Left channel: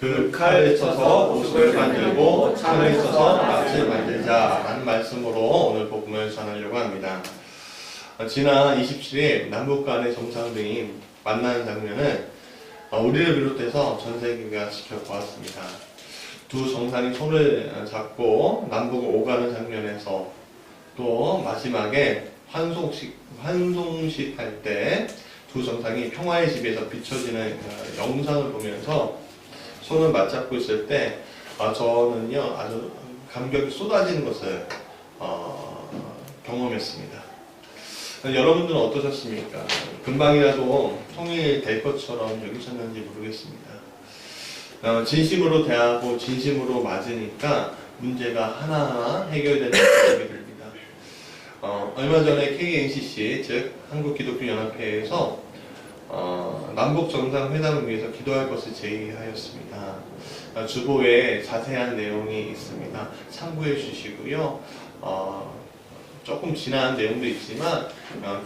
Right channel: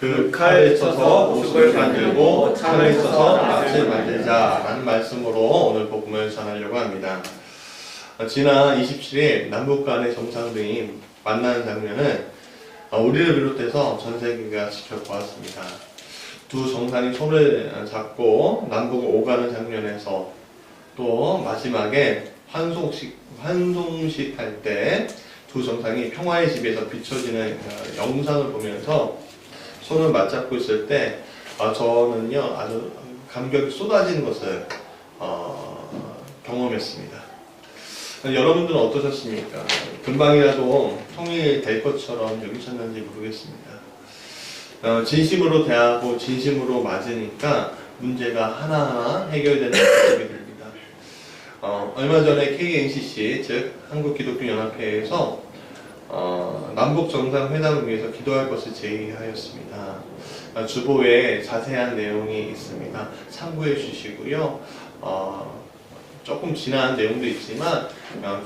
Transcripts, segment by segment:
그 칼을 쳐서 옷을 만들고 창을 쳐서 낫을 만들자라는 말씀으로 오늘 복음을 전하려고 합니다. 지난 27일 남북 간의 정상들이 만나는 장면은 우리를 비롯해서 전 세계가 지켜보았습니다. 두 정상이 손을 잡고 남북을 오가는 장면에서 또 마지막에 환송식 할 때 두 정상이 평화의 집에서 비춰지는 영상을 보면서 손을 맞잡고 있을 때 저는요 아주 감격이 쏟아지는 것을 경험했습니다. 여러분들은 어떠셨습니까? 금방이라도 통일될 것처럼 여기셨는지 모르겠습니다. 진심으로 대하고 진심으로 맞으니까 문제가 하나하나 해결되는 모습이 됩니다. 얼마 전에 KNCC 즉 한국기독교연합회에서 남북 정상회담을 위해서 기도할 것을 제의하였습니다. 주보에 자세한 내용이 있습니다. 참고해 주시고요. 조금 지난 내용도 있지만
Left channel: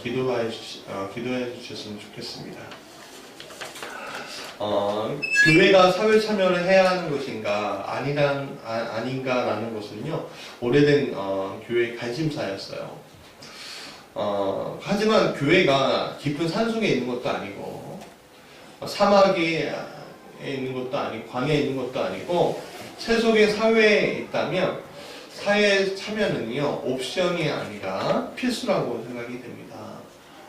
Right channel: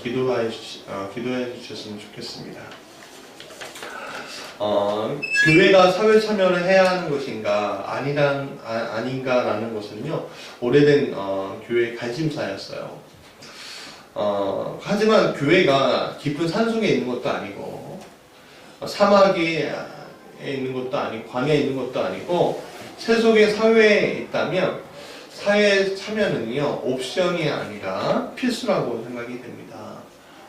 기도해 주셨으면 좋겠습니다. 교회가 사회 참여를 해야 하는 것인가 아닌가라는 것은요 오래된 교회의 관심사였어요. 하지만 교회가 깊은 산속에 있는 것도 아니고 사막에 있는 것도 아니고 광야에 있는 것도 아니고 세속의 사회에 있다면 사회 참여는요 옵션이 아니라 필수라고 생각이 됩니다.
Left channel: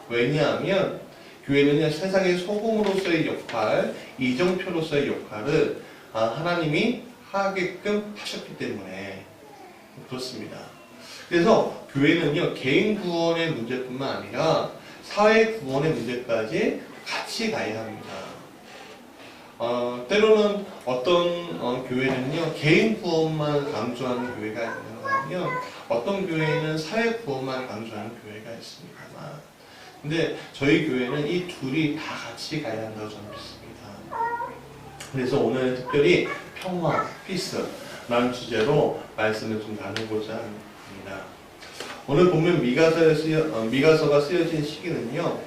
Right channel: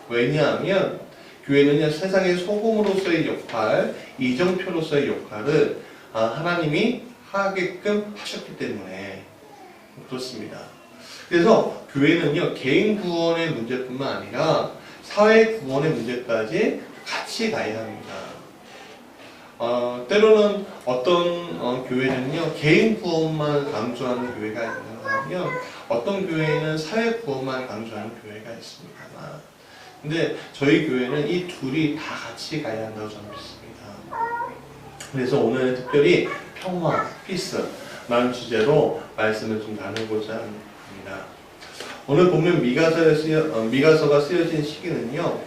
왜냐하면 교회는요 세상의 소금으로서의 역할, 이정표로서의 역할을 하나님이 하게끔 하셨기 때문에 그렇습니다. 그래서 교회는요 개인 구원의 문제뿐만 아니라 사회 구원의 문제까지 같이 가야 합니다. 때로는 어떤 교회는요 개인 구원만 강조하는 교회가 있는가 하면 어떤 교회는 사회 구원만 강조하는 교회가 있습니다만 근데 저희 교회는 이 둘이 다 같이 가야 한다고 저는 믿습니다. 그래서 오늘 특별히 평화, 피스라는 주제로 말씀을 좀 나누고자 합니다. 오늘 보면 미가서가 쓰여진 시기는요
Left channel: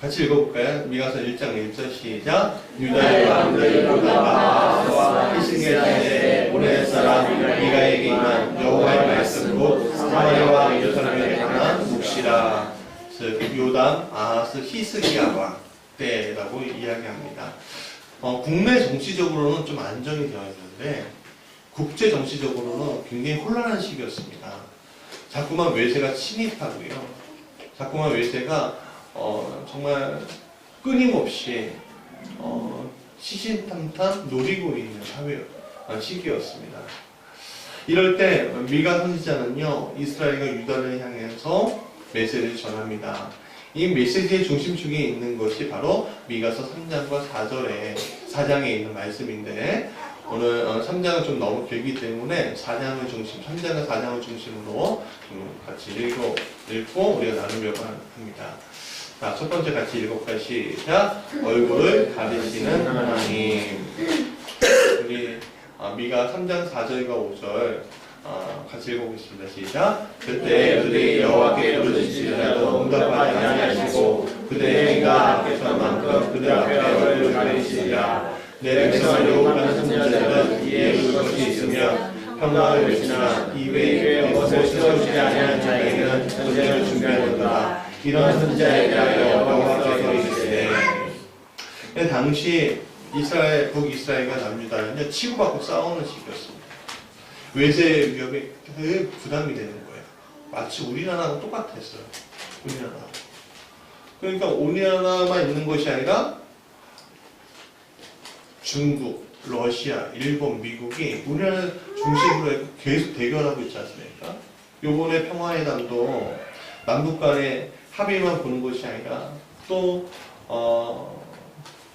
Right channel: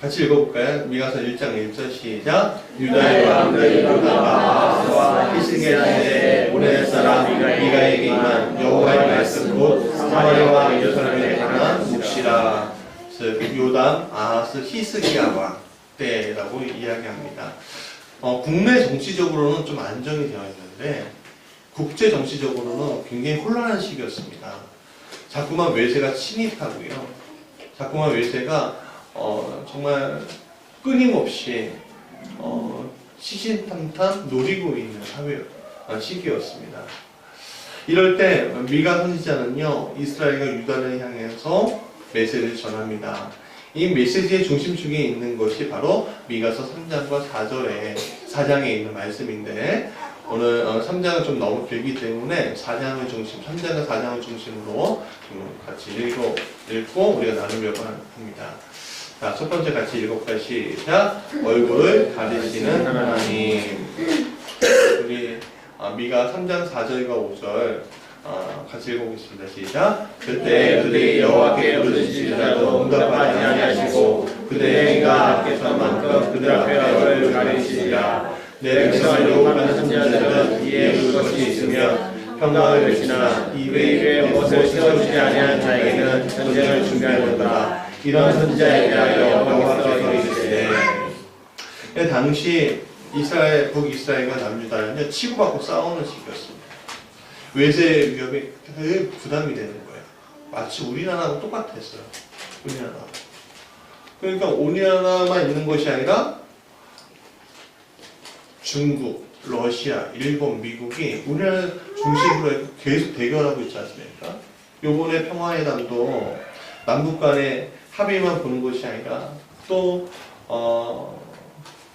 같이 읽어볼까요? 미가서 1장 1절 시작. 유다의 왕들이 아하스와 히스기야 시대에 오네 사람 미가에게 임한 여호와의 말씀 곧 사마리아 왕 예루살렘에 관한 묵시라. 즉 요담, 아하스, 히스기야 왕 때라고 이야기합니다. 국내 정치적으로는 좀 안정이 되어 있는데 국제 정치적으로는 굉장히 혼란한 시기였습니다. 자꾸만 외세가 침입하고요. 자꾸만 외세가 정말 끊임없이 시신탐탐 노리고 있는 시기였습니다. 이럴 때 미가 선지자는요 이스라엘과 유다를 향해서 메시지를 전합니다. 이 메시지의 중심축에 있는 것이 바로 미가서 3장과 4장에 있는 말씀인데 오늘 3장은 좀 너무 길기 때문에 3장과 4장을 중심으로 좀 같이 읽고 우리가 나누려고 합니다. 자, 첫 번째 같이 읽어볼까요? 시작. 얼굴을 가리시는 하나님. 우리 미가 3장 4절과 5절 같이 읽어보겠습니다. 시작. 그때 그들이 여호와께 부르짖으라도 응답하지 아니하시고 그들의 행위가 악했던만큼 그들 앞에 얼굴을 가리시리라. 내 백성을 유혹하는 선지자들은 이에 울 것이 있으며 평강을 외치나 입에 무엇을 세워주지 아니하는 자에게는 전쟁을 준비하였노라. 이런 선지자에 대하여 여호와께서 이르시되 당시 북이스라엘과 남유다는요 치고받고 싸우는 시기였습니다. 외세 위협이 되게 부담이 되는 거예요. 마치 우리나라랑 똑같았어요. 우리나라. 그러니까 우리나라만 있는 것이 아니라 중국, 러시아, 일본, 미국이 우리나라 중심으로 계속 대결하고 있지 않습니까? 요번에 평화회담도 남북 간의 합의만 보는 것이 아니라 또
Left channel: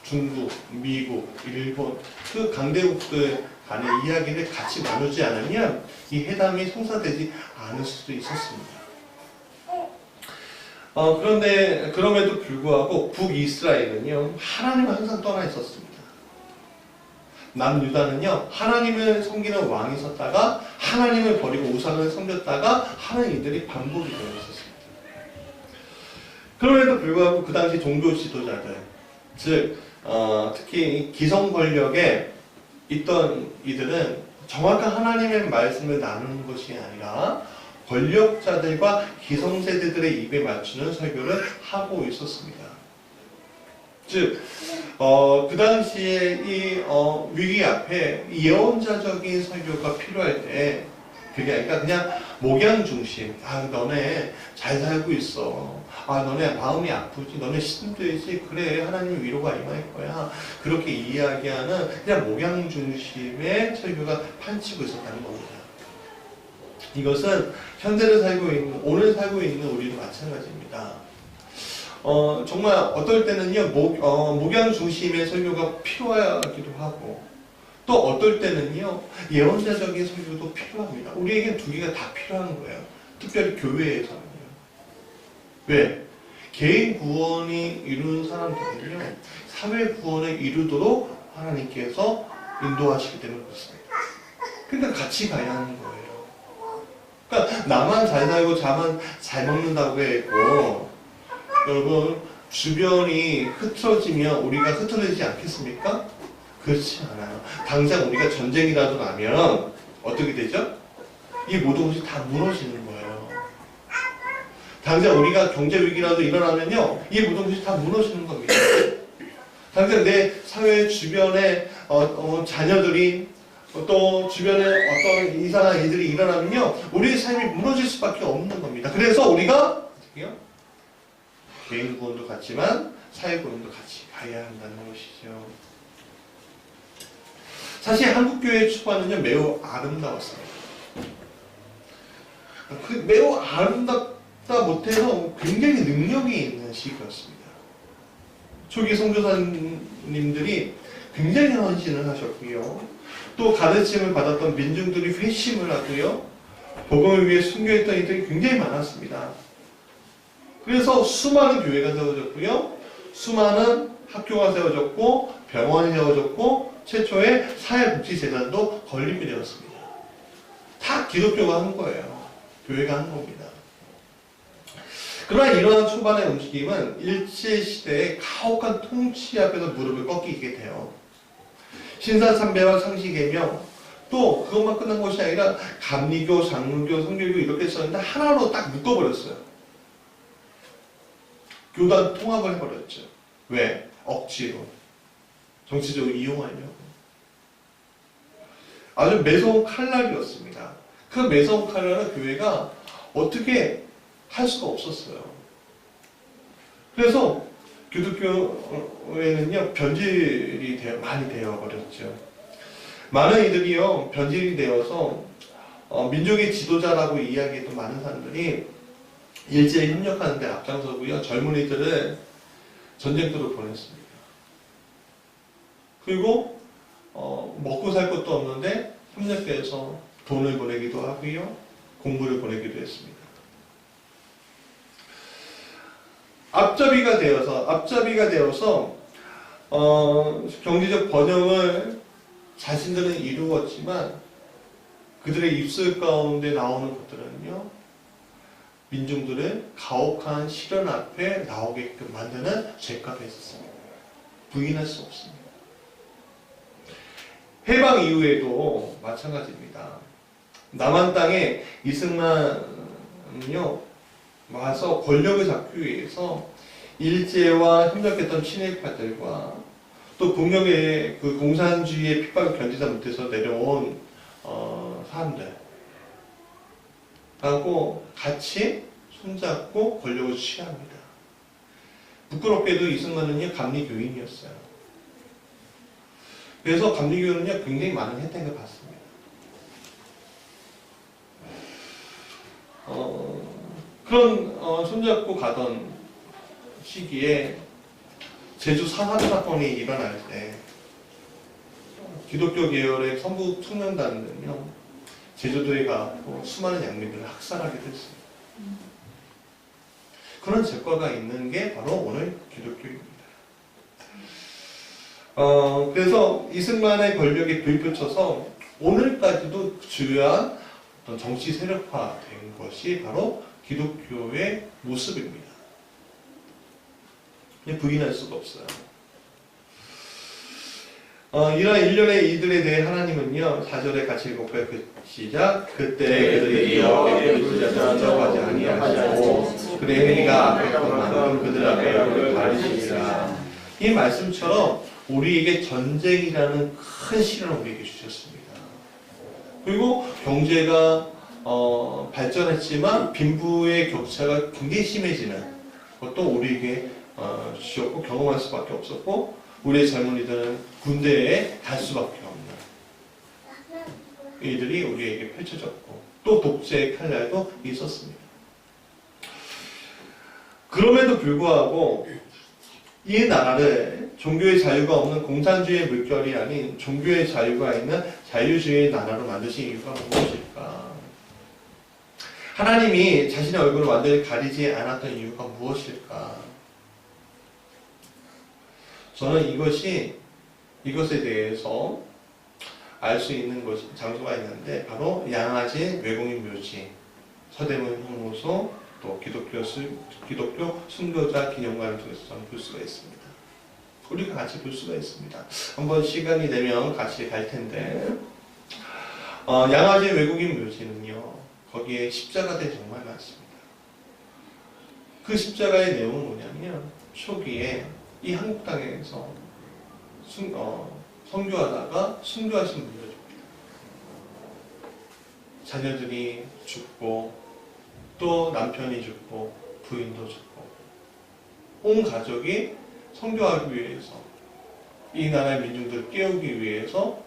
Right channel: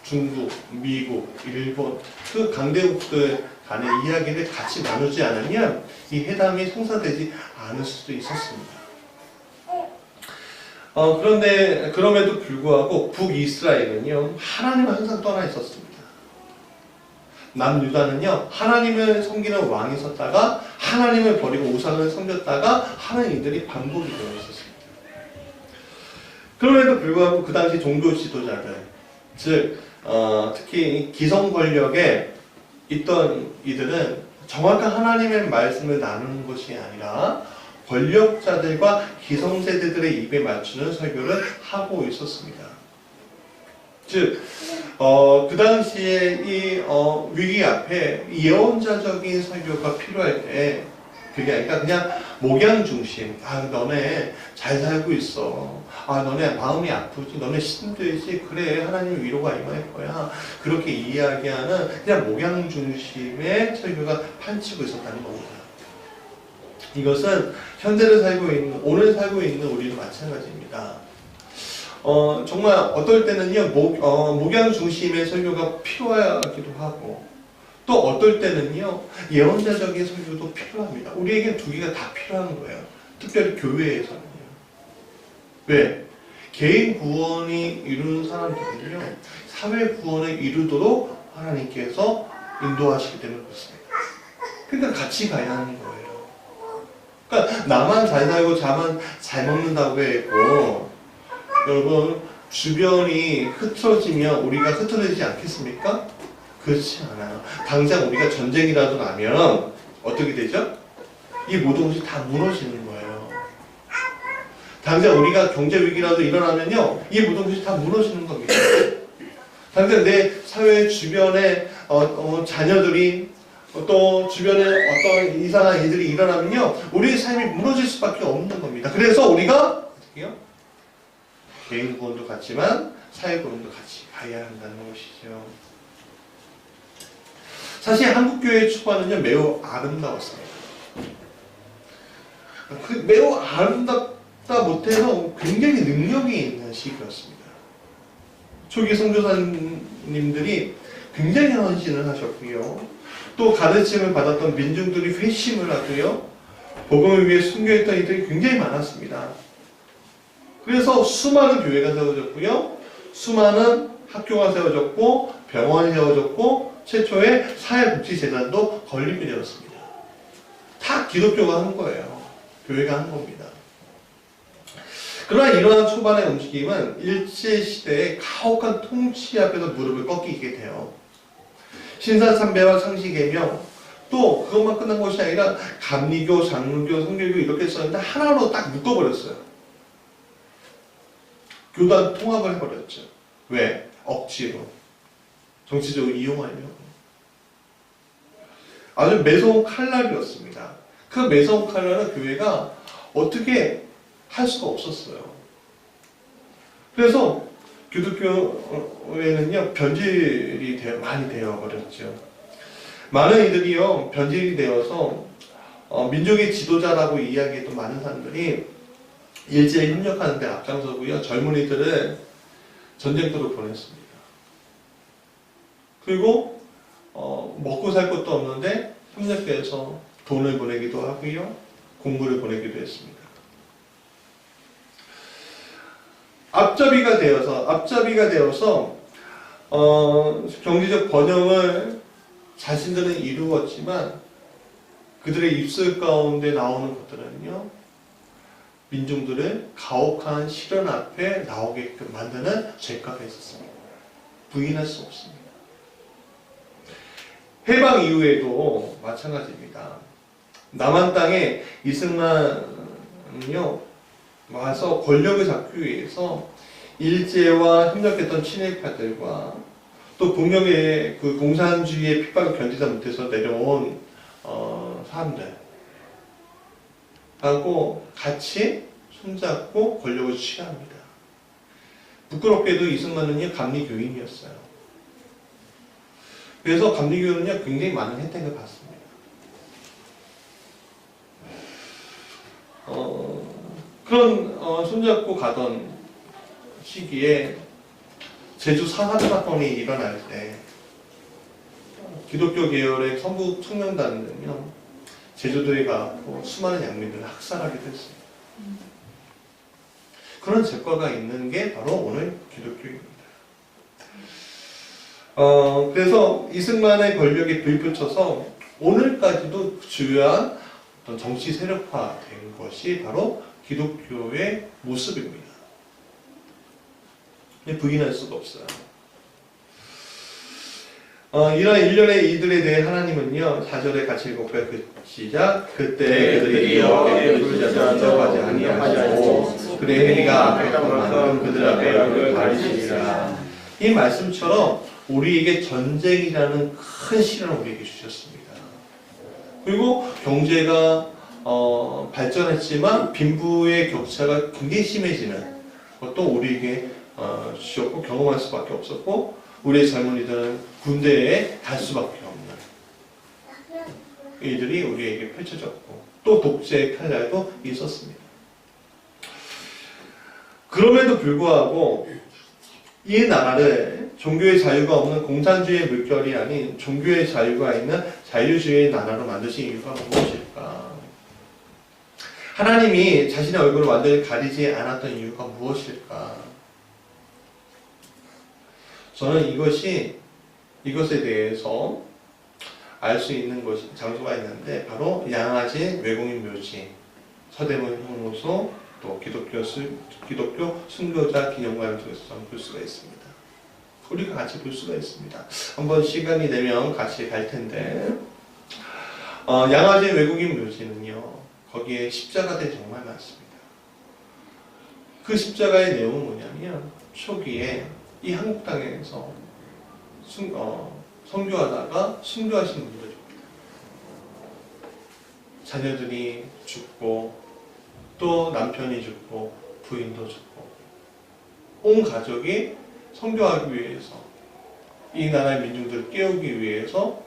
중국, 미국, 일본 그 강대국들 간의 이야기를 같이 나누지 않으면 이 회담이 성사되지 않을 수도 있었습니다. 그런데 그럼에도 불구하고 북이스라엘은요 하나님을 항상 떠나 있었습니다. 남유다는요 하나님을 섬기는 왕이 섰다가 하나님을 버리고 우상을 섬겼다가 하는 일들이 반복이 되어 있었습니다. 그럼에도 불구하고 그 당시 종교 지도자들 즉 특히 기성 권력에 있던 이들은 정확한 하나님의 말씀을 나누는 것이 아니라 권력자들과 기성세대들의 입에 맞추는 설교를 하고 있었습니다. 즉, 그 당시에 이 위기 앞에 예언자적인 설교가 필요할 때 그게 아니라 그냥 목양 중심. 너네 잘 살고 있어. 너네 마음이 아프지. 너네 힘들지. 그래, 하나님의 위로가 임할 거야. 그렇게 이야기하는 그냥 목양 중심의 설교가 판치고 있었다는 겁니다. 이것은 현재를 살고 있는, 오늘 살고 있는 우리도 마찬가지입니다. 정말 어떨 때는요, 목양 중심의 설교가 필요하기도 하고, 또 어떨 때는요, 예언자적인 설교도 필요합니다. 우리에겐 두 개가 다 필요한 거예요. 특별히 교회에서는요. 왜? 개인 구원이 이루는 사람들은요, 사회 구원을 이루도록 하나님께서 인도하시기 때문에 그렇습니다. 그러니까 같이 가야 하는 거예요. 그러니까 나만 잘 살고 자만 잘 먹는다고 해도 여러분 주변이 흐트러지면 우리가 흐트러지지 않겠습니까? 그렇지 않아요. 당장 우리가 전쟁이라도 나면 어떻게 되죠? 이 모든 것이 다 무너지는 거예요. 당장 우리가 경제 위기라도 일어나면요, 이 모든 것이 다 무너지는 겁니다. 당장 내 사회 주변에 자녀들이 또 주변에 어떤 이상한 일들이 일어나면요, 우리의 삶이 무너질 수밖에 없는 겁니다. 그래서 우리가 어떻게요? 개인 구원도 같지만 사회 구원도 같이 가야 한다는 것이죠. 사실 한국교회의 초반은요, 매우 아름다웠습니다. 매우 아름답다 못해서 굉장히 능력이 있는 시기였습니다. 초기 선교사님들이 굉장히 헌신을 하셨고요. 또 가르침을 받았던 민중들이 회심을 하고요. 복음을 위해 순교했던 이들이 굉장히 많았습니다. 그래서 수많은 교회가 세워졌고요. 수많은 학교가 세워졌고 병원이 세워졌고 최초의 사회복지재단도 건립이 되었습니다. 다 기독교가 한 거예요. 교회가 한 겁니다. 그러나 이러한 초반의 움직임은 일제시대의 가혹한 통치 앞에서 무릎을 꺾이게 돼요. 신사참배와 상시개명, 또 그것만 끝난 것이 아니라 감리교, 장로교, 성결교 이렇게 썼는데 하나로 딱 묶어버렸어요. 교단 통합을 해버렸죠. 왜? 억지로. 정치적으로 이용하려고. 아주 매서운 칼날이었습니다. 그 매서운 칼날은 교회가 어떻게 할 수가 없었어요. 그래서 기독교에는요, 변질이 많이 되어버렸죠. 많은 이들이요, 변질이 되어서 민족의 지도자라고 이야기했던 많은 사람들이 일제에 협력하는 데 앞장서고요, 젊은이들을 전쟁터로 보냈습니다. 그리고 먹고 살 것도 없는데 협력해서 돈을 보내기도 하고요, 공부를 보내기도 했습니다. 앞잡이가 되어서 경제적 번영을 자신들은 이루었지만 그들의 입술 가운데 나오는 것들은요, 민중들을 가혹한 시련 앞에 나오게끔 만드는 죄가가 있었습니다. 부인할 수 없습니다. 해방 이후에도 마찬가지입니다. 남한 땅에 이승만은요, 와서 권력을 잡기 위해서 일제와 협력했던 친일파들과 또 북녘의 그 공산주의의 핍박을 견디다 못해서 내려온 사람들하고 같이 손잡고 권력을 취합니다. 부끄럽게도 이승만은요, 감리교인이었어요. 그래서 감리교인은요, 굉장히 많은 혜택을 받습니다. 그런 손잡고 가던 시기에 제주 산화조 사건이 일어날 때 기독교 계열의 성북 청년단은요, 제주도에 가고 수많은 양민들을 학살하기도 했습니다. 그런 죄과가 있는 게 바로 오늘 기독교입니다. 그래서 이승만의 권력에 불을 붙여서 오늘까지도 주요한 어떤 정치 세력화된 것이 바로 기독교의 모습입니다. 부인할 수가 없어요. 이런 일련의 이들에 대해 하나님은요 4절에 같이 읽어볼까요? 시작. 그때 그들이 여호와께 부르짖자 대답하지 아니하시고 그의 행위가 악했던 만큼 그들 앞에 얼굴을 가리시니라. 이 말씀처럼 우리에게 전쟁이라는 큰 시련을 우리에게 주셨습니다. 그리고 경제가 발전했지만 빈부의 격차가 굉장히 심해지는 것도 우리에게 주셨고 경험할 수밖에 없었고 우리의 젊은이들은 군대에 갈 수밖에 없는 이들이 우리에게 펼쳐졌고 또 독재의 칼날도 있었습니다. 그럼에도 불구하고 이 나라를 종교의 자유가 없는 공산주의의 물결이 아닌 종교의 자유가 있는 자유주의의 나라로 만드신 이유가 무엇일까? 하나님이 자신의 얼굴을 완전히 가리지 않았던 이유가 무엇일까? 저는 이것에 대해서 알 수 있는 장소가 있는데 바로 양아진 외국인 묘지, 서대문 형무소, 또 기독교 순교자 기념관을 통해서 볼 수가 있습니다. 우리가 같이 볼 수가 있습니다. 한번 시간이 되면 같이 갈 텐데 양아진 외국인 묘지는요 거기에 십자가들이 정말 많습니다. 그 십자가의 내용은 뭐냐면 초기에 이 한국 땅에서 선교하다가 순교하신 분들입니다. 자녀들이 죽고 또 남편이 죽고 부인도 죽고 온 가족이 선교하기 위해서 이 나라의 민중들을 깨우기 위해서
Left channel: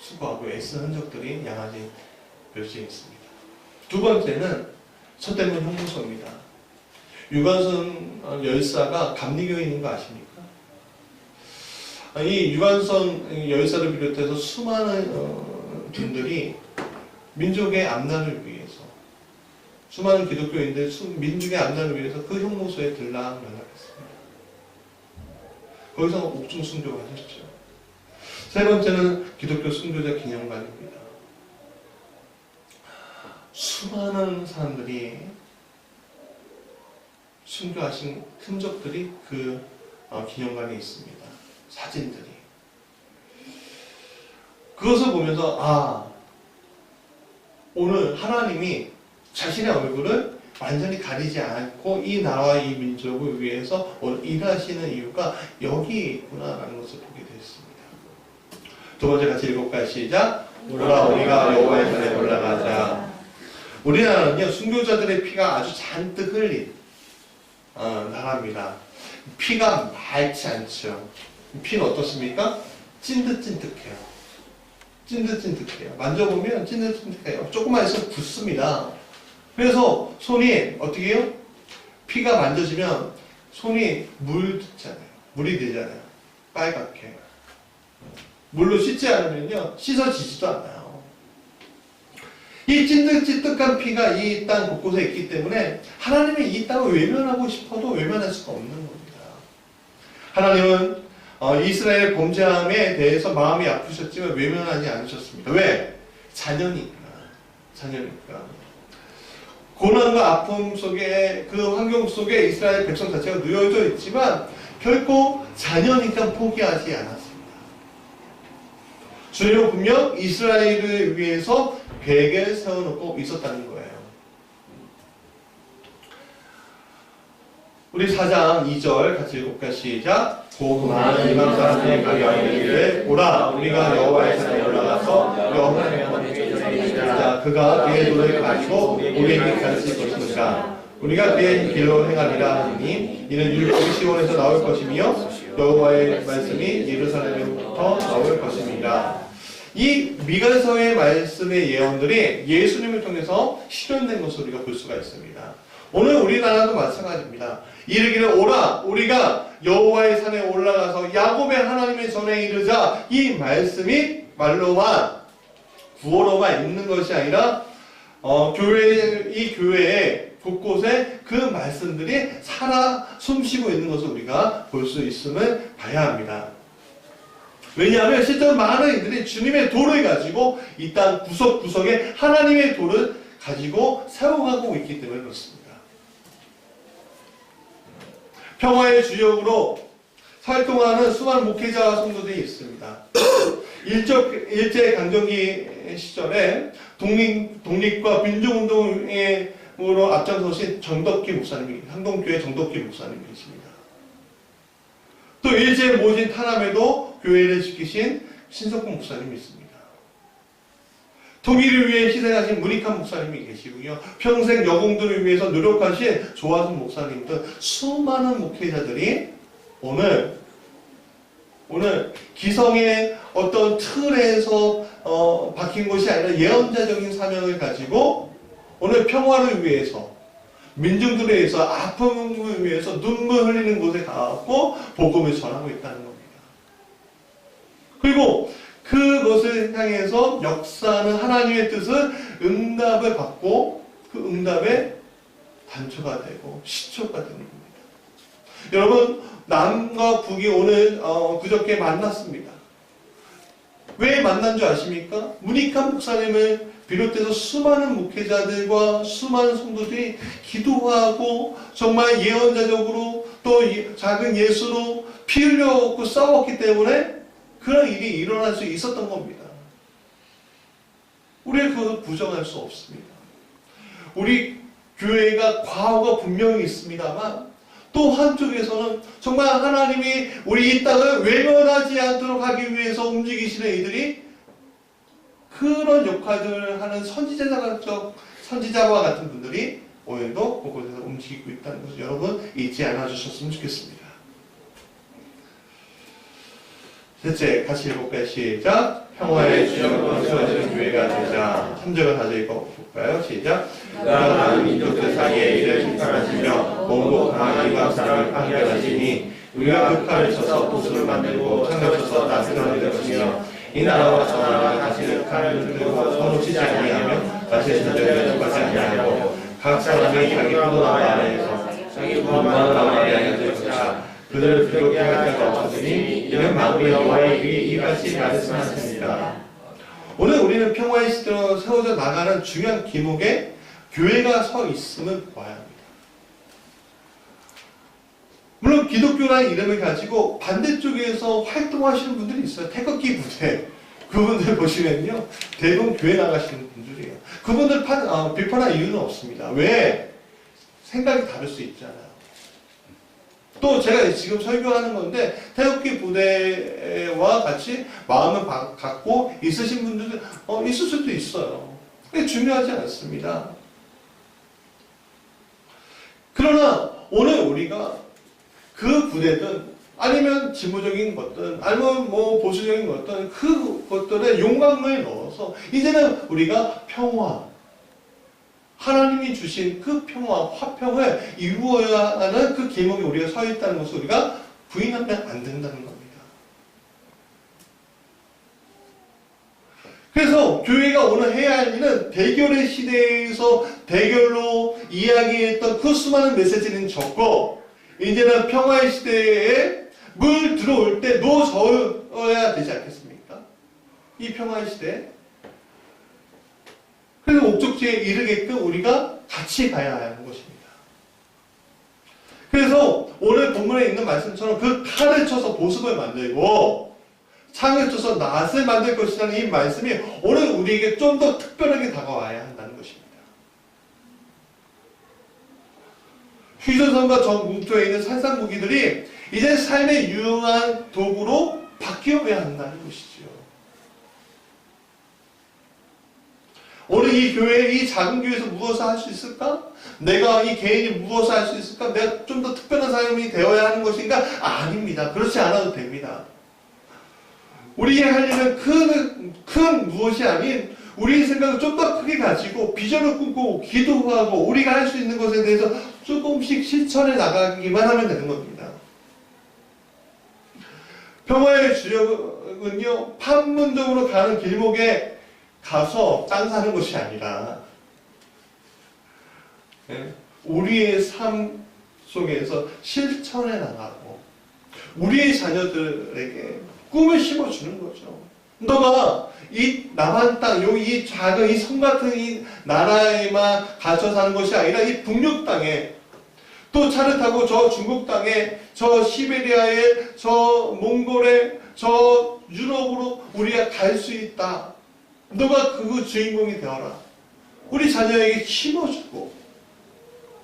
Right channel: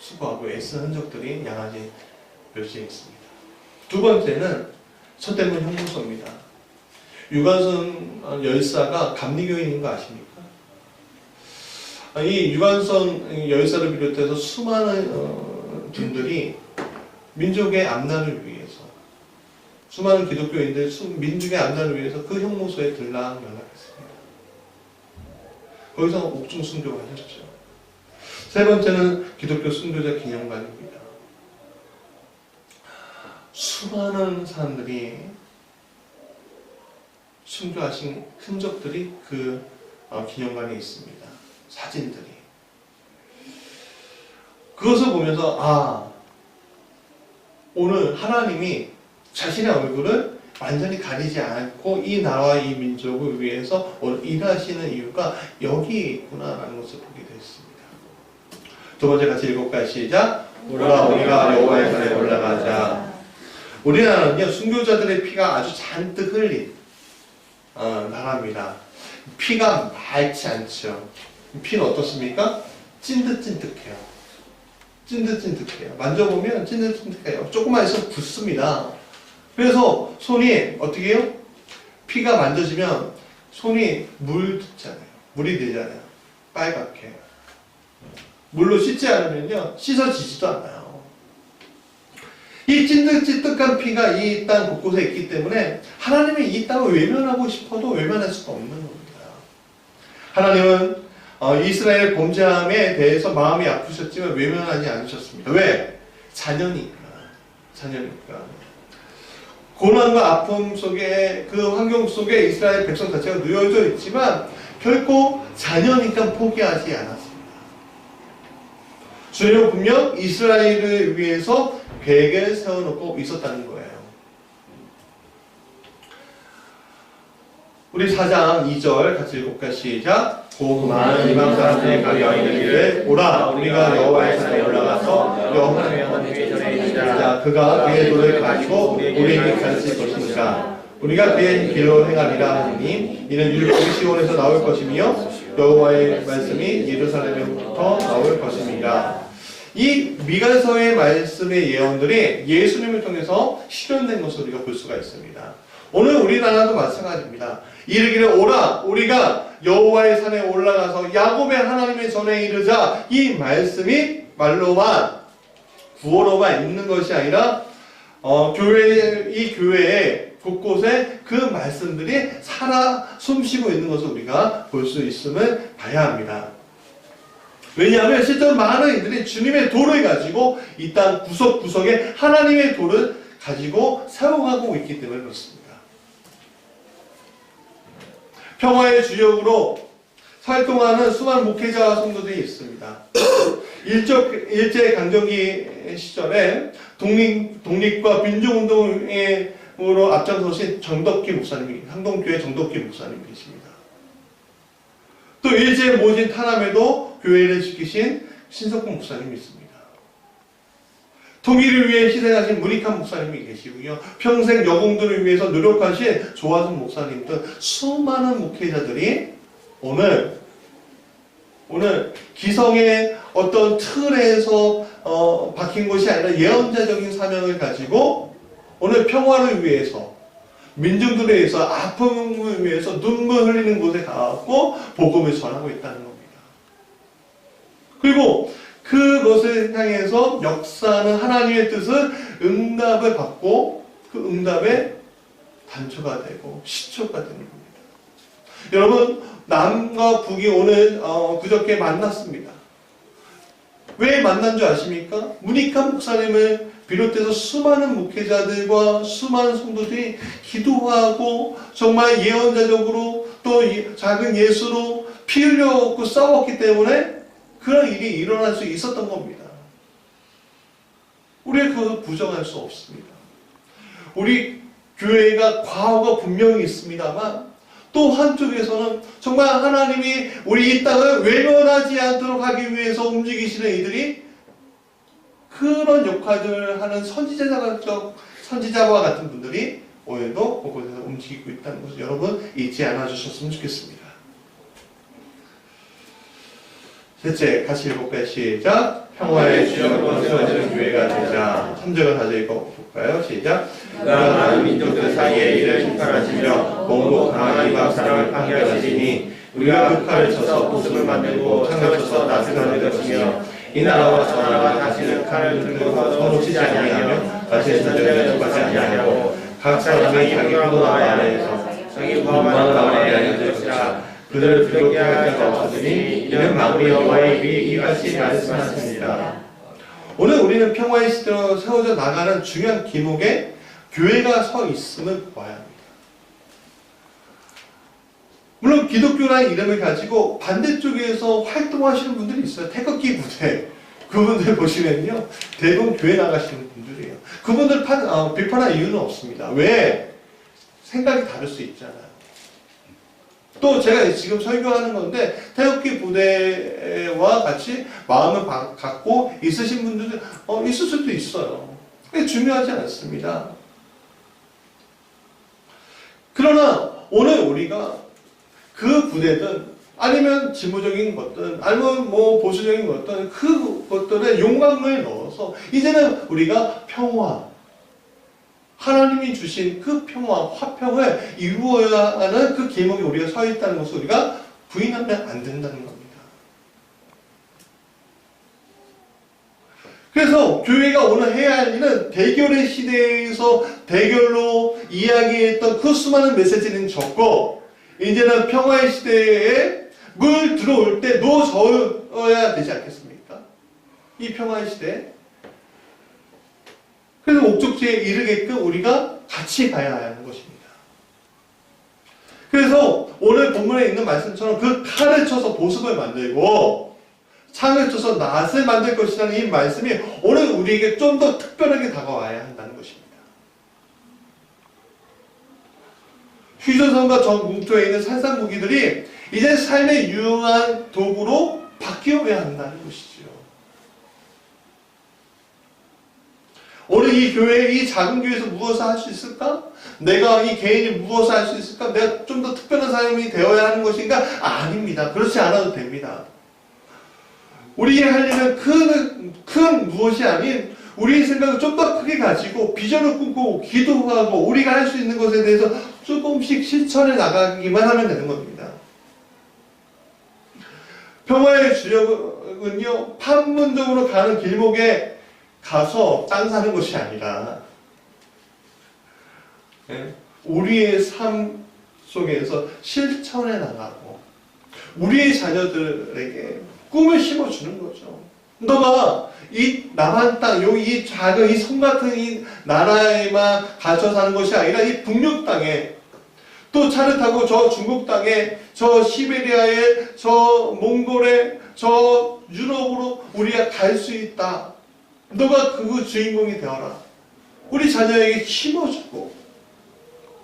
수고하고 애쓴 흔적들이 양아진 묘지에 있습니다. 두 번째는 서대문 형무소입니다. 유관순 열사가 감리교인인 거 아십니까? 이 유관순 열사를 비롯해서 수많은 분들이 민족의 앞날을 위해서 수많은 기독교인들 민족의 앞날을 위해서 그 형무소에 들락날락했습니다. 거기서 옥중 순교를 하셨죠. 세 번째는 기독교 순교자 기념관입니다. 수많은 사람들이 순교하신 흔적들이 그 기념관에 있습니다. 사진들이. 그것을 보면서 오늘 하나님이 자신의 얼굴을 완전히 가리지 않고 이 나라와 이 민족을 위해서 오늘 일하시는 이유가 여기에 있구나라는 것을 보게 됐습니다. 두 번째 같이 읽어볼까요? 시작. 오라 우리가 여호와의 산에 올라가자. 우리나라는요 순교자들의 피가 아주 잔뜩 흘린 나라입니다. 피가 맑지 않죠. 피는 어떻습니까? 찐득찐득해요. 찐득찐득해요. 만져보면 찐득찐득해요. 조금만 있으면 붓습니다. 그래서 손이 어떻게 해요? 피가 만져지면 손이 물이 되잖아요. 빨갛게. 물로 씻지 않으면요 씻어지지도 않아요. 이 찐득찐득한 피가 이 땅 곳곳에 있기 때문에 하나님이 이 땅을 외면하고 싶어도 외면할 수가 없는 겁니다. 하나님은 이스라엘 범죄함에 대해서 마음이 아프셨지만 외면하지 않으셨습니다. 왜? 자녀니까. 고난과 아픔 속에 그 환경 속에 이스라엘 백성 자체가 누워져 있지만 결코 자녀니까 포기하지 않았습니다. 주님은 분명 이스라엘을 위해서 계획을 세워놓고 있었다는 거예요. 우리 4장 2절 같이 읽어볼까요? 시작. 곧 많은 이방 사람들이 가게 이르기를 오라 우리가 여호와의 산에 올라가서 여호와의 회전에 있자. 그가 그의 돌을 가지고 우리에게 가르칠 것이니까 우리가 그의 길로 행하리라 하니 이는 율법이 시온에서 나올 것이며 여호와의 말씀이 예루살렘에부터 나올 것입니다. 이 미가서의 말씀의 예언들이 예수님을 통해서 실현된 것을 우리가 볼 수가 있습니다. 오늘 우리나라도 마찬가지입니다. 이르기를 오라 우리가 여호와의 산에 올라가서 야곱의 하나님의 전에 이르자. 이 말씀이 말로만 구호로만 있는 것이 아니라 이 교회에 곳곳에 그 말씀들이 살아 숨쉬고 있는 것을 우리가 볼 수 있음을 봐야 합니다. 왜냐하면 실제로 많은 이들이 주님의 돌을 가지고 이 땅 구석구석에 하나님의 돌을 가지고 세워가고 있기 때문에 그렇습니다. 평화의 주역으로 활동하는 수많은 목회자와 성도들이 있습니다. 일제강점기 시절에 독립과 민주운동으로 앞장서신 정덕기 목사님이, 항동교회 정덕기 목사님 계십니다. 또 일제 모진 탄압에도 교회를 지키신 신석훈 목사님이 있습니다. 통일을 위해 희생하신 문익환 목사님이 계시고요. 평생 여공들을 위해서 노력하신 조화순 목사님 등 수많은 목회자들이 오늘 기성의 어떤 틀에서 박힌 것이 아니라 예언자적인 사명을 가지고 오늘 평화를 위해서, 민중들에 의해서, 아픔을 위해서 눈물 흘리는 곳에 가고 복음을 전하고 있다는 겁니다. 그리고 그것을 향해서 역사하는 하나님의 뜻을 응답을 받고 그 응답의 단초가 되고 시초가 되는 겁니다. 여러분, 남과 북이 오늘 그저께 만났습니다. 왜 만난 줄 아십니까? 문익환 목사님을 비롯해서 수많은 목회자들과 수많은 성도들이 기도하고 정말 예언자적으로 또 작은 예수로 피 흘려갖고 싸웠기 때문에 그런 일이 일어날 수 있었던 겁니다. 우리가 그것을 부정할 수 없습니다. 우리 교회가 과오가 분명히 있습니다만 또 한쪽에서는 정말 하나님이 우리 이 땅을 외면하지 않도록 하기 위해서 움직이시는 이들이 그런 역할들을 하는 선지자와 같은 분들이 오늘도 그곳에서 움직이고 있다는 것을 여러분 잊지 않아 주셨으면 좋겠습니다. 셋째, 같이 읽어볼까요? 시작. 평화의 주역으로 세워지는 교회가 되자. 3절을 다시 읽어볼까요? 시작. 많은 민족들 사이에 이를 심판하시며 몸도 강한 이방 사람을 판결하시니 우리가 그 칼을 쳐서 보습을 만들고 창을 쳐서 낫을 만들 것이며 이 나라와 저 나라가 다시는 칼을 들고 서놓치지 아니하며 다시 전쟁에 들어가지 아니하고 각 사람이 자기 부모나라 안에서 자기 부모나라 안에 될 것이라. 그들을 두렵게 할 자가 없으니 이는 만군의 여호와의 입이 이같이 말씀하십니다. 오늘 우리는 평화의 시대로 세워져 나가는 중요한 기목에 교회가 서 있음을 보아야 합니다. 물론 기독교라는 이름을 가지고 반대쪽에서 활동하시는 분들이 있어요. 태극기 부대. 그분들 보시면요, 대부분 교회 나가시는 분들이에요. 그분들 비판할 이유는 없습니다. 왜? 생각이 다를 수 있잖아요. 또 제가 지금 설교하는 건데 태극기 부대와 같이 마음을 갖고 있으신 분들도 있을 수도 있어요. 그게 중요하지 않습니다. 그러나 오늘 우리가 그 부대든 아니면 진보적인 것든 아니면 보수적인 것든 그것들에 용광로에 넣어서 이제는 우리가 평화, 하나님이 주신 그 평화, 화평을 이루어야 하는 그 길목에 우리가 서 있다는 것을 우리가 부인하면 안 된다는 겁니다. 그래서 교회가 오늘 해야 할 일은 대결의 시대에서 대결로 이야기했던 그 수많은 메시지는 적고 이제는 평화의 시대에 물 들어올 때 놓아줘야 되지 않겠습니까? 이 평화의 시대에. 그래서 목적지에 이르게끔 우리가 같이 가야 하는 것입니다. 그래서 오늘 본문에 있는 말씀처럼 그 칼을 쳐서 보습을 만들고 창을 쳐서 낫을 만들 것이라는 이 말씀이 오늘 우리에게 좀 더 특별하게 다가와야 한다는 것입니다. 휴전선과 전국토에 있는 산상무기들이 이제 삶에 유용한 도구로 바뀌어야 한다는 것이죠. 오늘 이 교회, 이 작은 교회에서 무엇을 할 수 있을까? 내가 이 개인이 무엇을 할 수 있을까? 내가 좀 더 특별한 사람이 되어야 하는 것인가? 아닙니다. 그렇지 않아도 됩니다. 우리의 할 일은 큰 무엇이 아닌 우리의 생각을 좀 더 크게 가지고 비전을 꿈꾸고 기도하고 우리가 할 수 있는 것에 대해서 조금씩 실천해 나가기만 하면 되는 겁니다. 평화의 주역은요, 판문점으로 가는 길목에 가서 땅 사는 것이 아니라 우리의 삶 속에서 실천해 나가고 우리의 자녀들에게 꿈을 심어주는 거죠. 너가 이 남한 땅, 이 작은 이 섬 같은 이 나라에만 갇혀 사는 것이 아니라 이 북녘 땅에 또 차를 타고 저 중국 땅에, 저 시베리아에, 저 몽골에, 저 유럽으로 우리가 갈 수 있다. 너가 그 주인공이 되어라. 우리 자녀에게 힘어주고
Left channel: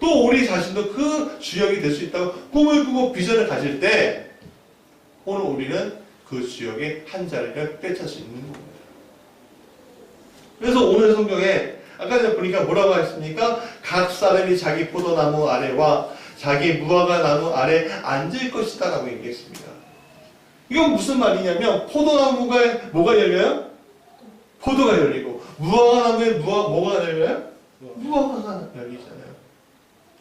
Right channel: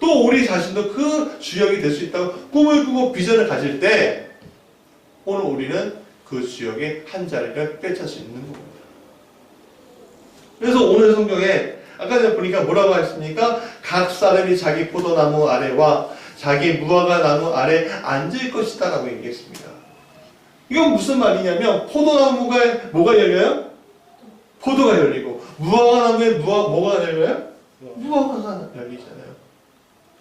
또 우리 자신도 그 주역이 될 수 있다고 꿈을 꾸고 비전을 가질 때 오늘 우리는 그 주역의 한 자리를 꿰찰 수 있는 겁니다. 그래서 오늘 성경에 아까 전에 보니까 뭐라고 했습니까? 각 사람이 자기 포도나무 아래와 자기 무화과 나무 아래 앉을 것이다 라고 얘기했습니다. 이건 무슨 말이냐면 포도나무가 뭐가 열려요? 포도가 열리고 무화과 나무에 뭐가 열려요? 무화과가 열리잖아요.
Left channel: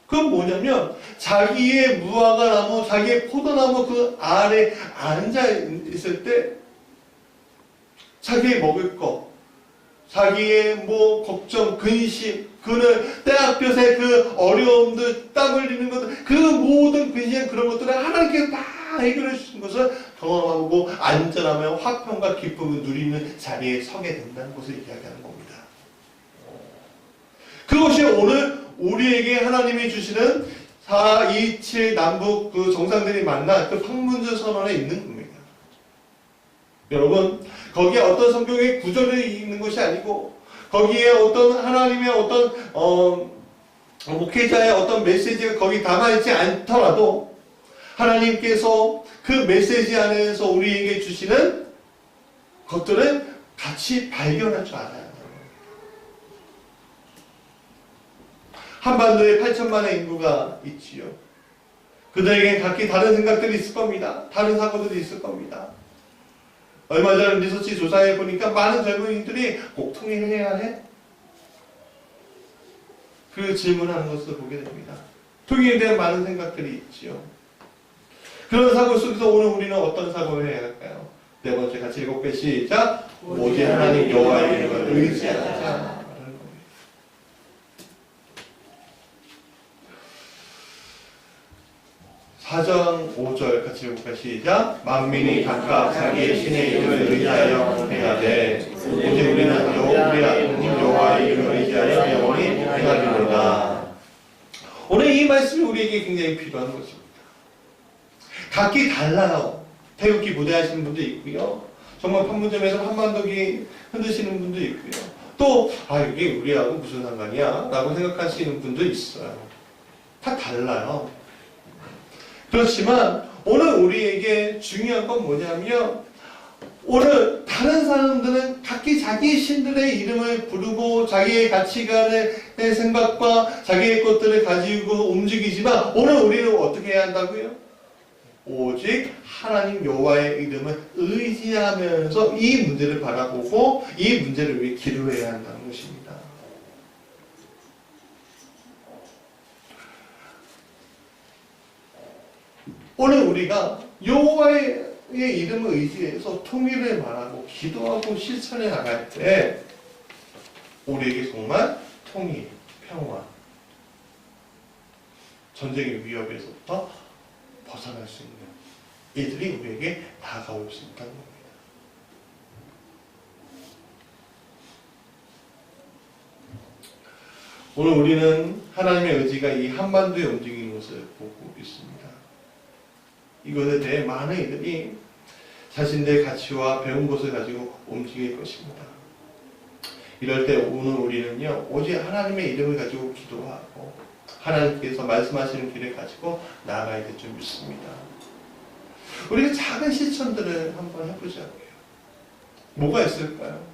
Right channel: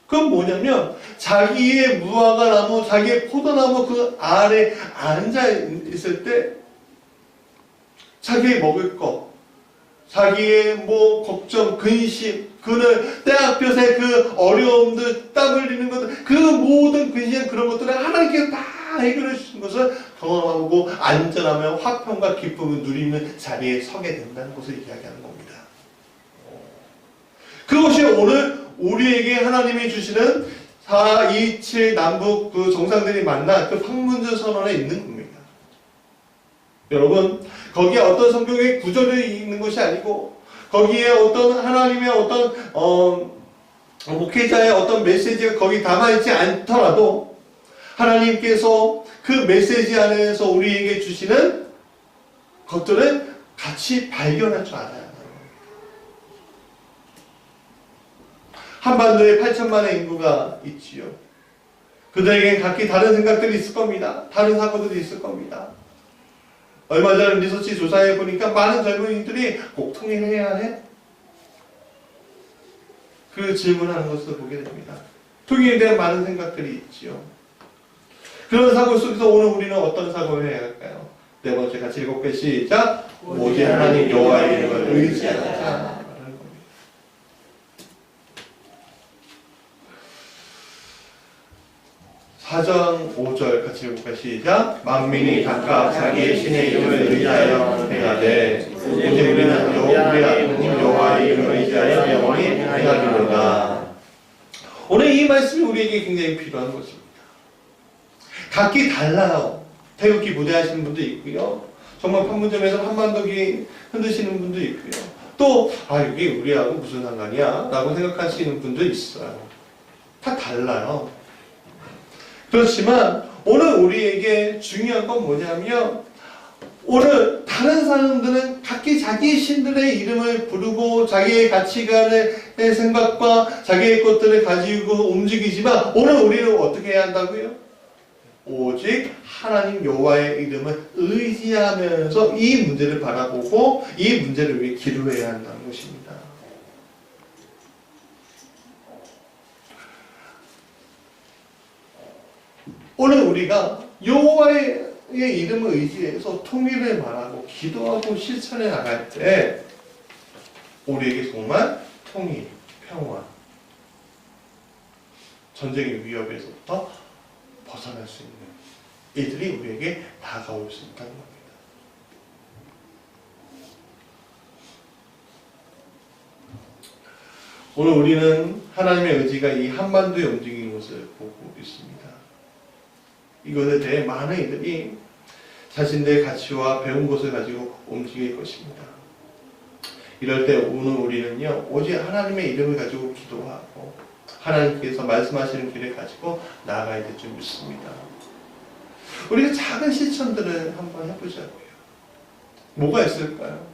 그건 뭐냐면 자기의 무화과 나무, 자기의 포도나무 그 아래 앉아 있을 때 자기의 먹을 거, 자기의 뭐 걱정, 근심, 그는 때학볕에 그 어려움들, 땀 흘리는 것들, 그 모든 근심 그런 것들을 하나님께서 다 해결해 주신 것을 경험하고 안전하며 화평과 기쁨을 누리는 자리에 서게 된다는 것을 이야기하는 겁니다. 그것이 오늘 우리에게 하나님이 주시는 427 남북 그 정상들이 만난 그 판문점 선언에 있는 겁니다. 여러분, 거기에 어떤 성경의 구절이 있는 것이 아니고 거기에 어떤 하나님의 어떤 목회자의 어떤 메시지가 거기 담아있지 않더라도 하나님께서 그 메시지 안에서 우리에게 주시는 것들을 같이 발견할 줄 알아야 합니다. 한반도에 8천만의 인구가 있지요. 그들에게 각기 다른 생각들이 있을 겁니다. 다른 사고들이 있을 겁니다. 얼마 전 리서치 조사해 보니까 많은 젊은이들이 꼭 통일해야 해? 그 질문하는 것을 보게 됩니다. 통일에 대한 많은 생각들이 있지요. 그런 사고 속에서 오늘 우리는 어떤 사고를 해야 할까요? 네 번째 같이 읽어볼게요. 시작. 오직 하나님 여호와의 이름을 의지하자. 4장 5절 같이 읽어볼까요? 시작. 만민이 각각 자기의 신의 이름을 의지하여 행하되 오직 우리는 우리 하나님 여호와의 이름을 의지하여 영원히 행하리로다. 오늘 이 말씀이 우리에게 굉장히 필요한 것입니다. 각기 달라요. 태극기 무대하시는 분도 있고요. 정말 판문점에서 한반도기 흔드시는 분도 있고요. 또 이게 우리하고 무슨 상관이야? 라고 생각하시는 분도 있어요. 다 달라요. 그렇지만 오늘 우리에게 중요한 건 뭐냐면 오늘 다른 사람들은 각기 자기 신들의 이름을 부르고 자기의 가치관의 생각과 자기의 것들을 가지고 움직이지만 오늘 우리는 어떻게 해야 한다고요? 오직 하나님 여호와의 이름을 의지하면서 이 문제를 바라보고 이 문제를 위해 기도해야 한다는 것입니다. 오늘 우리가 여호와의 이름을 의지해서 통일을 말하고 기도하고 실천해 나갈 때 우리에게 정말 통일, 평화, 전쟁의 위협에서부터 벗어날 수 있는 이들이 우리에게 다가올 수 있다는 겁니다. 오늘 우리는 하나님의 의지가 이 한반도에 움직이는 것을 보고 있습니다. 이것에 대해 많은 이들이 자신들의 가치와 배운 것을 가지고 움직일 것입니다. 이럴 때 오늘 우리는요, 오직 하나님의 이름을 가지고 기도하고 하나님께서 말씀하시는 길을 가지고 나아가야 될 줄 믿습니다. 우리가 작은 실천들을 한번 해보자고요. 뭐가 있을까요?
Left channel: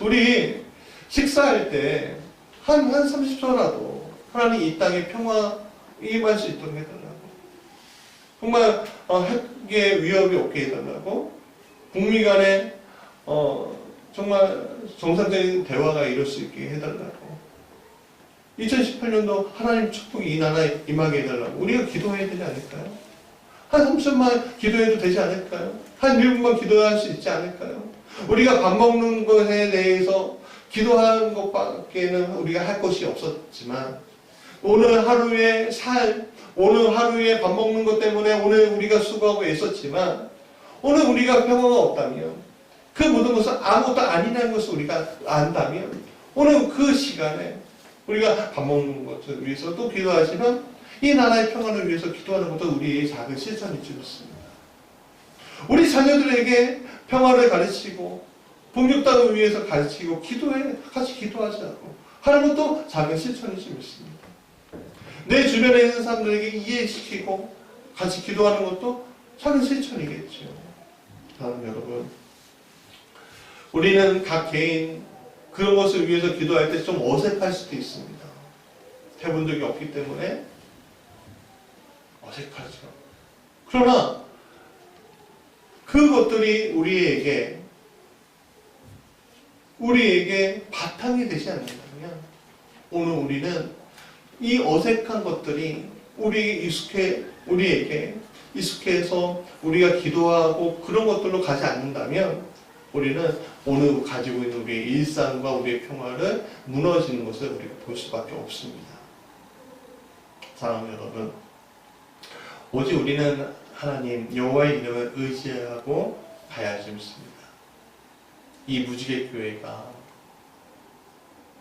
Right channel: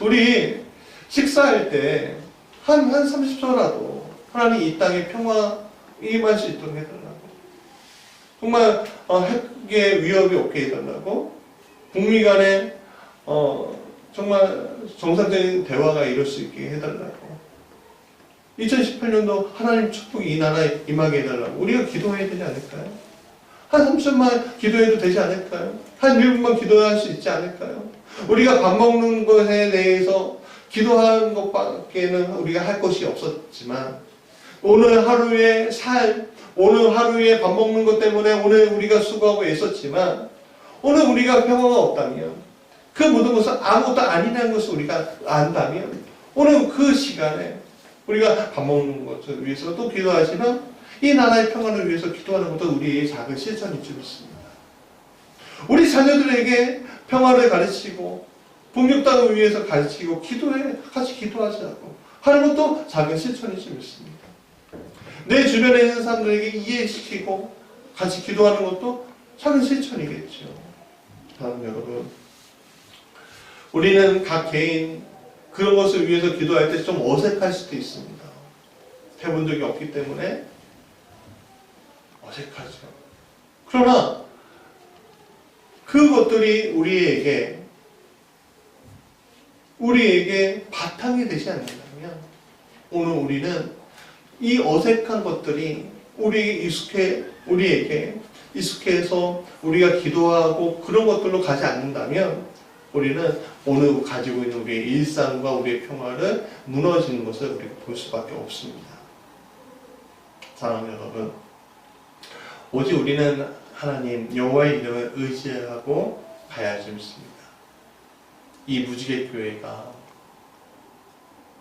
우리 식사할 때 한 30초라도 하나님 이 땅에 평화 임할 수 있도록 해달라고. 정말 핵의 위협이 없게 해달라고. 북미 간에 정말 정상적인 대화가 이룰 수 있게 해달라고. 2018년도 하나님 축복이 이 나라에 임하게 해달라고. 우리가 기도해야 되지 않을까요? 한 3초만 기도해도 되지 않을까요? 한 1분만 기도할 수 있지 않을까요? 우리가 밥 먹는 것에 대해서 기도하는 것밖에는 우리가 할 것이 없었지만 오늘 하루의 오늘 하루에 밥 먹는 것 때문에 오늘 우리가 수고하고 애썼지만 오늘 우리가 평화가 없다면 그 모든 것은 아무것도 아니라는 것을 우리가 안다면 오늘 그 시간에 우리가 밥 먹는 것을 위해서 또 기도하지만 이 나라의 평화를 위해서 기도하는 것도 우리의 작은 실천이지 않습니다. 우리 자녀들에게 평화를 가르치고 복육 땅을 위해서 가르치고 같이 기도하자고 하는 것도 작은 실천이지 않습니다. 내 주변에 있는 사람들에게 이해시키고 같이 기도하는 것도 작은 실천이겠죠. 다음 여러분, 우리는 각 개인 그런 것을 위해서 기도할 때 좀 어색할 수도 있습니다. 해본 적이 없기 때문에 어색하죠. 그러나 그것들이 우리에게 바탕이 되지 않는다면 오늘 우리는 이 어색한 것들이 우리에게 익숙해서 우리가 기도하고 그런 것들로 가지 않는다면 우리는 오늘 가지고 있는 우리의 일상과 우리의 평화를 무너지는 것을 우리가 볼 수밖에 없습니다. 사랑하는 여러분, 오직 우리는 하나님 여호와의 이름을 의지하고 가야지 믿습니다. 이 무지개 교회가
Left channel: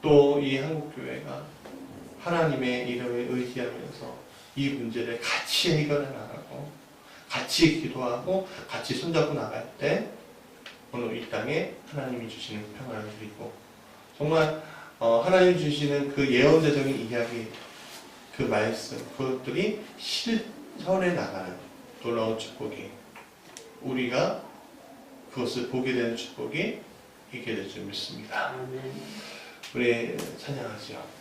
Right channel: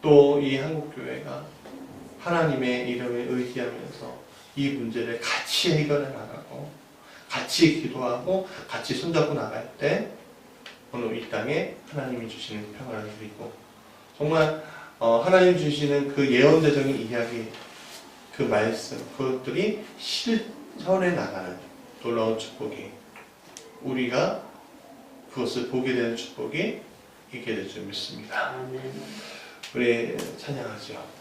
또 이 한국 교회가 하나님의 이름을 의지하면서 이 문제를 같이 해결해 나가고 같이 기도하고 같이 손잡고 나갈 때 오늘 이 땅에 하나님이 주시는 평화를 누리고 정말 하나님 주시는 그 예언자적인 이야기 그 말씀 그것들이 실현해 나가는 놀라운 축복이 우리가 그것을 보게 되는 축복이 있게 될 줄 믿습니다. 우리 찬양하죠.